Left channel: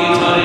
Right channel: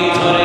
body touch.